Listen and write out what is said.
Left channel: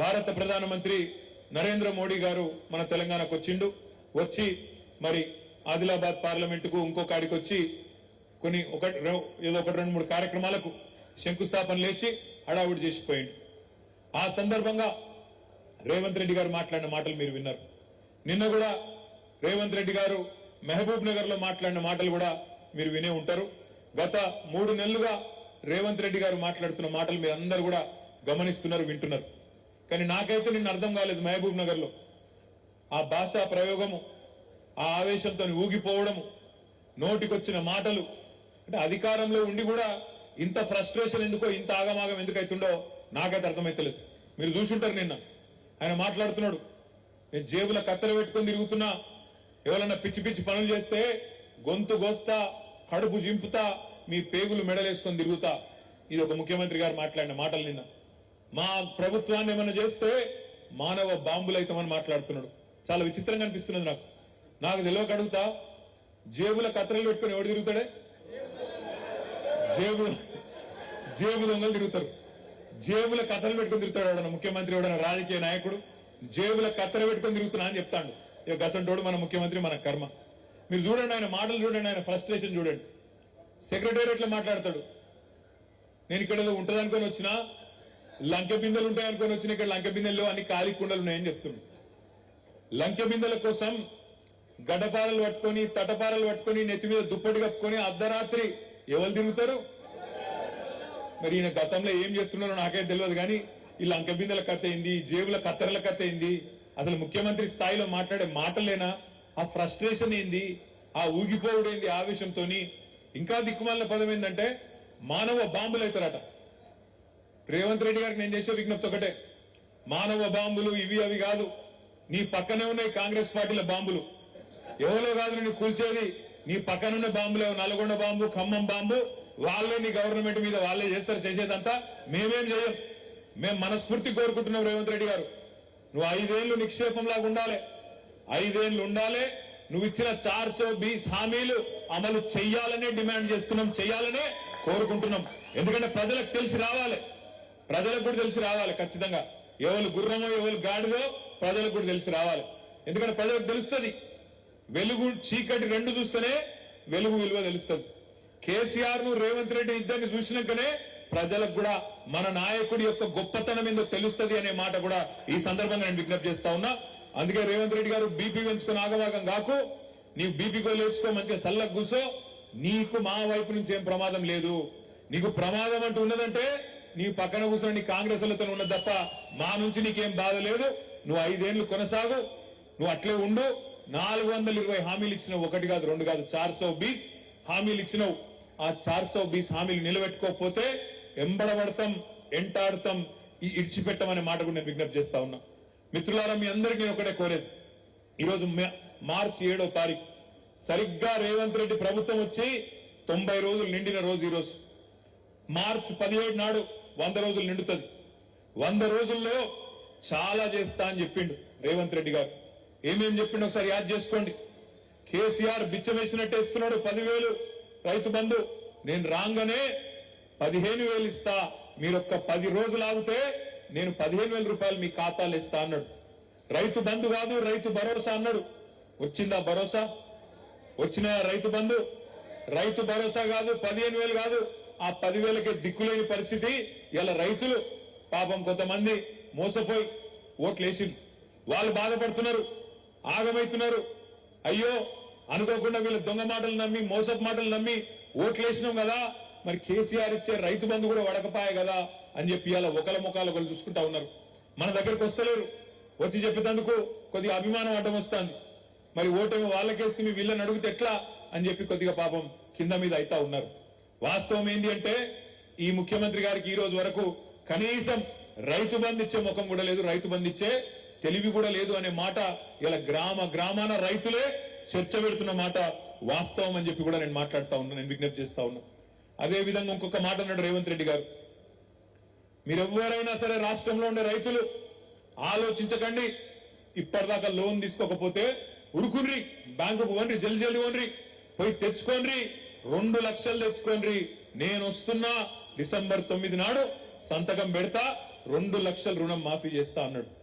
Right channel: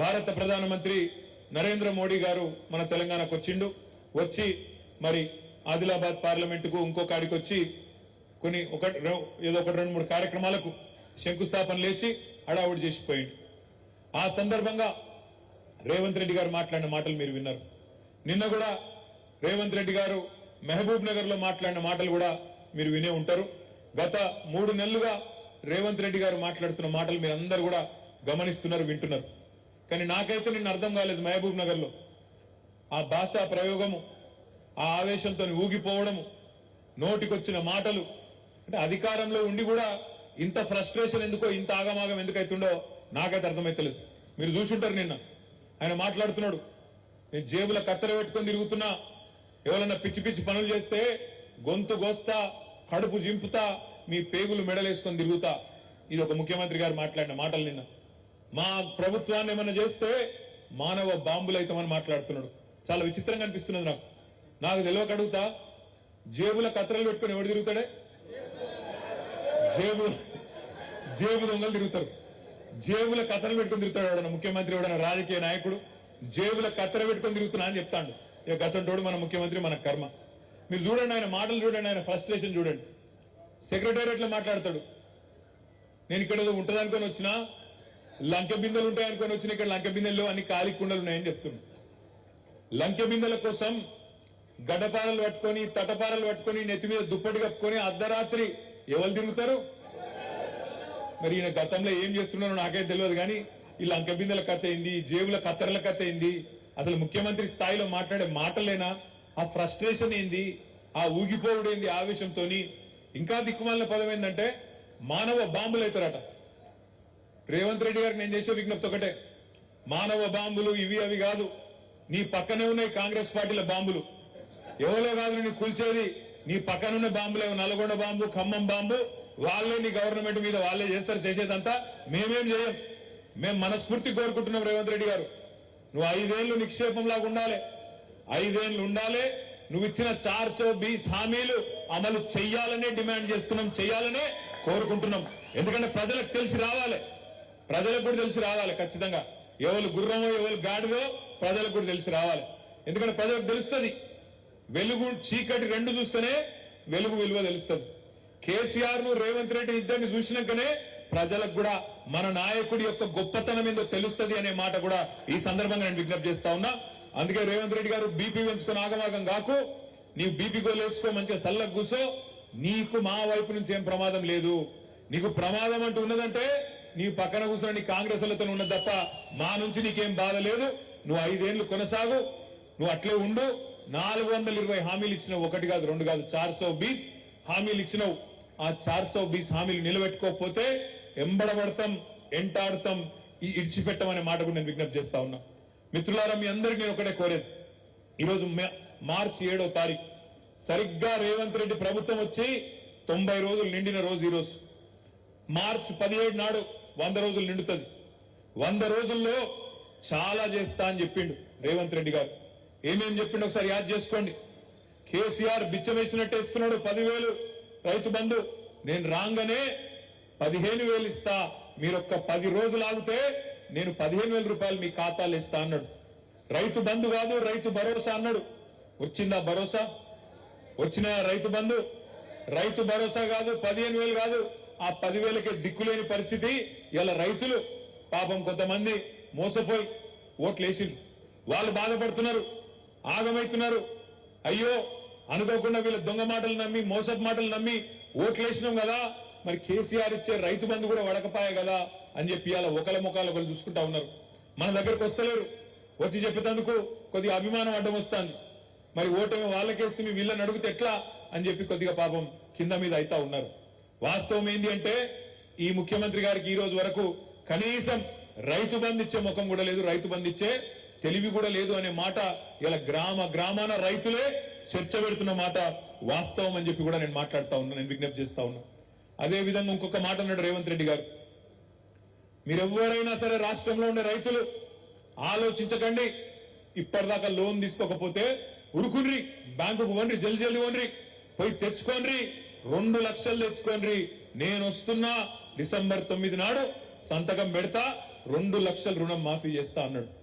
భారత ప్రధానమంత్రి నరేంద్ర మోడీ గారు మన తెలంగాణకు వచ్చిండు. వచ్చి మరి ఆదిలాబాద్ పార్లమెంటుకు ఇంకొకడికి వచ్చి కొన్ని ఏదో ఒకటి 2-3 కార్యక్రమాలకు శంకుస్థాపన లేచి హడావుడి చేసిపోయింది. ఆ సందర్భంగా రేవంత్ రెడ్డి గారు మాట్లాడిన మాటలు మీరు విన్నారు. నిన్న కూడా రేవంత్ రెడ్డి గారు మహబూబ్ నగర్ లో మాట్లాడిన మాటలు కూడా మీరు వినే ఉంటారు. గత 3 నెలలుగా రేవంత్ రెడ్డి గారు మాట్లాడుతున్న మాటలు మీరు అందరూ కూడా గమనిస్తున్నారు, వింటున్నారు. కానీ నాకైతే నిన్న అర్థం కాలేదు. మహబూబ్ నగర్ లో ఆ భాషా ప్రయోగము, ఆ ఆవేశంతో ఊగిపోవడము, నోటికొచ్చిన మాటలు, అంటే అధికారంలో ఉండి కూడా ఇంత ఫ్రస్ట్రేషన్ ఎందుకో, ఇంత ఆగమాగం ఎందుకైతుండో నాకైతే అర్థమైతలేదు. మీరు చూసుంటారు నిన్న ఆయన మాట్లాడుతున్నాడు, నేను జేబుల కత్తెర పెట్టుకొని తిరుగుతున్నా, ఎవరన్నా పిచ్చి పిచ్చి పనులు చేస్తే గొంతు గోస్తా, కడుపు జింపుతా, మీ పేగులు మెడలేసుకొని తిరుగుతా. ఇది ఒక ముఖ్యమంత్రి గారు మాట్లాడిన మాటలు. నిన్న మా ప్రభుత్వాన్ని ఏమన్నా చేస్తే మానవ బాంబులైతామని మాట్లాడుతున్నాడు. చాలా విచిత్రంగా అనిపిస్తున్నది నాకు తెలియక అడుగుతా, జేబుల కత్తెరలు పెట్టుకొని ఎవడు తిరుగుతాడే? జేబు దొంగలు తిరుగుతారు. జేబుల కత్తెరలు పెట్టుకొని తిరుగుతాడు ఎవడన్నా ముఖ్యమంత్రి, ఎవడన్నా రాజకీయ నాయకుడు జేబుల కత్తెర పెట్టుకొని తిరుగుతున్నా అని చెప్తాడు. ఇక గసంటోడు మన ముఖ్యమంత్రి, మన కర్మ. మీరు చూడండి, ఆయన మాటలు చూడండి, ఆయన ఫ్రస్ట్రేషన్ చూడండి. సెక్రటేరియట్ లో మాట్లాడతాడు, నేను ఇక్కడ ఏదో ఉంటుందనుకొని వచ్చినా, లంకె బిందెలు ఉంటాయనుకొని వచ్చిన, ఇక్కడ లంకె బిందెలు అన్ని ఖాళీ కుండలు ఉన్నాయని చెప్తున్నాడు. లంకె బిందెల కోసం గడ్డపారలు పట్టుకొని, తటపారలు పట్టుకొని, నెత్తి మీద దుప్పటి కప్పుకొని అర్ధరాత్రి ఎవరు తిరుగుతారు? మరి ఈయన గతంలో ఏం చేస్తున్నారో నాకైతే తెలియదు. కానీ ఈ లంకె బిందెల కథ ఏంది, జేబుల కత్తెరల కథ ఏంది, అసలు ముఖ్యమంత్రి స్థాయిలో మాట్లాడే మాటలేనా? ఆ ఫ్రస్ట్రేషన్ ఏంది, ఆ ఊగిపోవుడు ఏంది ఆవేశంతో? ఇంకా దిక్కుమాలిన పదం ఏంటంటే మానవ బాంబులు అవుతారట. రేవంత్ రెడ్డి గారికి నేను చేసే విజ్ఞప్తి ఒకటే, మానవ బాంబులు ఇవి అవి కాదు, నీ పక్కనే ఉన్నాయి కాంగ్రెస్ పార్టీల బాంబులు. ఎవరో కాదు నీ కూల్చేది, నీ పక్కనున్న బాంబులు. నల్గొండ బాంబు, ఖమ్మం బాంబు, వాళ్ళే నీ గవర్నమెంట్ మీద వాళ్ళే చేస్తారు. చేసేదంతా మేమేం చేయం. మేము మనస్ఫూర్తి కోరుకుంటున్నాం రేవంత్ రెడ్డి గారు, నువ్వు 5 ఏళ్లు నిక్షేపంలాగా ఉండాలి, 5 ఏళ్లు ఉండాలి. నువ్వు ఇచ్చిన 420 హామీలు అమలు చెయ్యాలనే డిమాండ్ చేస్తున్నాం, చెయ్యాలనే కోరుకుంటున్నాం. ఎందుకంటే ప్రజలకు తెలిసి రావాలి, ప్రజలకు కూడా తెలిసి రావాలి. ఖచ్చితంగా ఎవరు గుర్రమో ఎవరు గాడిదో ప్రజలకు కూడా తెలిసి రావాలి. ఎందుకంటే ప్రజలకు తెలుస్తుంది, వెలుగు చీకటి రెండు చూస్తేనే వెలుగు విలువ తెలుస్తుంది. కేసీఆర్ ను రేవంత్ రెడ్డి ఇద్దరిని చూసినాకనే ప్రజలకు కూడా మన నాయకుడి యొక్క గొప్పతనం ఏందో తెలుస్తుంది అనే మాట కూడా ఈ సందర్భంగా నేను విజ్ఞప్తి చేస్తా ఉన్నా. అందుకే రేవంత్ రెడ్డి గారు బీపీ పెంచుకుని ఆగమాగం కాకు, నీవు బీపీ గోలు వేసుకో, మంచిగా సల్లకు కూసో. నీకు మా వైపు నుంచి ఏం ప్రమాదం లేదు. నీకు ప్రమాదం అంటూ ఉన్నదంటే నీ పక్కన కూర్చొని నీ కాంగ్రెస్ లతో ఉన్నది తప్ప మా నుంచి నీకేం బాధ లేదు. నువ్వు 5 ఏళ్లు కొనసాగు, నువ్వు అట్లే ఉండు. 420 హామీలు ఇచ్చినావు, 1 కాదు 2 కాదు, 420 హామీలు ఇచ్చినావు. ఆ 420 హామీలు నిలబెట్టుకోకపోతే ఎంబడబడతాం, ఎంటాడతాం, ఇడిచిపెట్టమనే మాట కూడా నేను విజ్ఞప్తి చేస్తా ఉన్నా. మిత్రులారా, మీ అందరికీ నేను ఒకటే కోరేది, ఈరోజు మార్చి 7వ తారీఖు సరిగ్గా రేవంత్ రెడ్డి ప్రభుత్వం వచ్చి 90 రోజులు నిండిన రోజు ఈరోజు. మార్చి 17 నాడు 100 రోజులు నిండుతుంది. 100 రోజుల్లో చాలా చేస్తా అని చెప్పిండు రేవంత్ రెడ్డి గారు. ఏమేం చెప్పిండు ఒకసారి యాద్ చేసుకోండి. కేసీఆర్ బిచ్చం వేసినట్టు ఇస్తున్నాడు 10,000 రైతు బంధు. నేను రాగానే 15,000 ఇస్తా, మీరొక్క 10 రోజులు ఆగితే నేను 15,000 రూపాయలు మీ ఖాతాలు ఇస్తా అన్నాడు. రైతు బంధు కాదు, రైతు భరోసా అన్నాడు. వచ్చిందా భరోసా? వచ్చిన రైతు బంధు, రైతు భరోసా కాదు, 15,000 కాదు, ఆ 10,000కే దిక్కులేని పరిస్థితి. ఇలా రైతులు పాపం కొంతమంది మోసపోయి ఓట్లు వేసింది, వాళ్ళు బాధపడుతున్నారు, ఆగమైతున్నారు. అయ్యో అనుకోకుండా వీళ్ళ దొంగ మాటలు నమ్మి, మోసపు మాటలు నమ్మి ఓట్లు వేసినాం కదా, మరి కేసీఆర్ ఇచ్చే రైతు బంధు కూడా వడకపాయ కదా అని చెప్పి అలా ఒకళ్ళ ముఖాలు ఒకళ్ళు చూసుకుంటా ఉన్నారు. మన దగ్గరకు వస్తలేరు, వచ్చి చెప్పేందుకు కొద్దిగా అభిమానం అడ్డం వస్తుంది. మరి ఓటమి వాళ్ళకేస్తే మీ వీళ్ళని అడిగితే ఎట్లా అని చెప్పి కొద్దిగా పాపం కింద మీద అయితా ఉన్నారు. వాస్తవం ఏంటి అంటే ఈ ముఖ్యమంత్రి గారికి ఈ రోజు వరకు కనీసం రైతు బంధు ఇచ్చే ముఖం కూడా లేదు, రైతు బంధు ఇచ్చే తెలివి కూడా లేదు అనే మాట ఇలా గ్రామాన రైతులే చర్చ పెడుతున్న మాట వాస్తవం అని చెప్పి కూడా నేను మాట్లాడుతా ఉన్నా, నేను విజ్ఞప్తి చేస్తా ఉన్నా. అదే విధంగా ఇంకొక మాట అన్నాడు రేవంత్ రెడ్డి గారు, మీరెవరైనా సరే రాష్ట్రంలో ఉండే రైతులు ఆలోచించకండి, ఇప్పటిదాకా లోన్ తీసుకోకపోతే ఉరుకుని బ్యాంకుకు వండ్రి, జల్లి వండ్రి, పోయి తెచ్చుకోండి, 2 లక్షలు తెచ్చుకోండి. నేను వస్తున్నా, డిసెంబర్ 9 నాడు సంతకం పెడతా, 2 లక్షల రుణం మాఫీ చేస్తా అన్నాడు.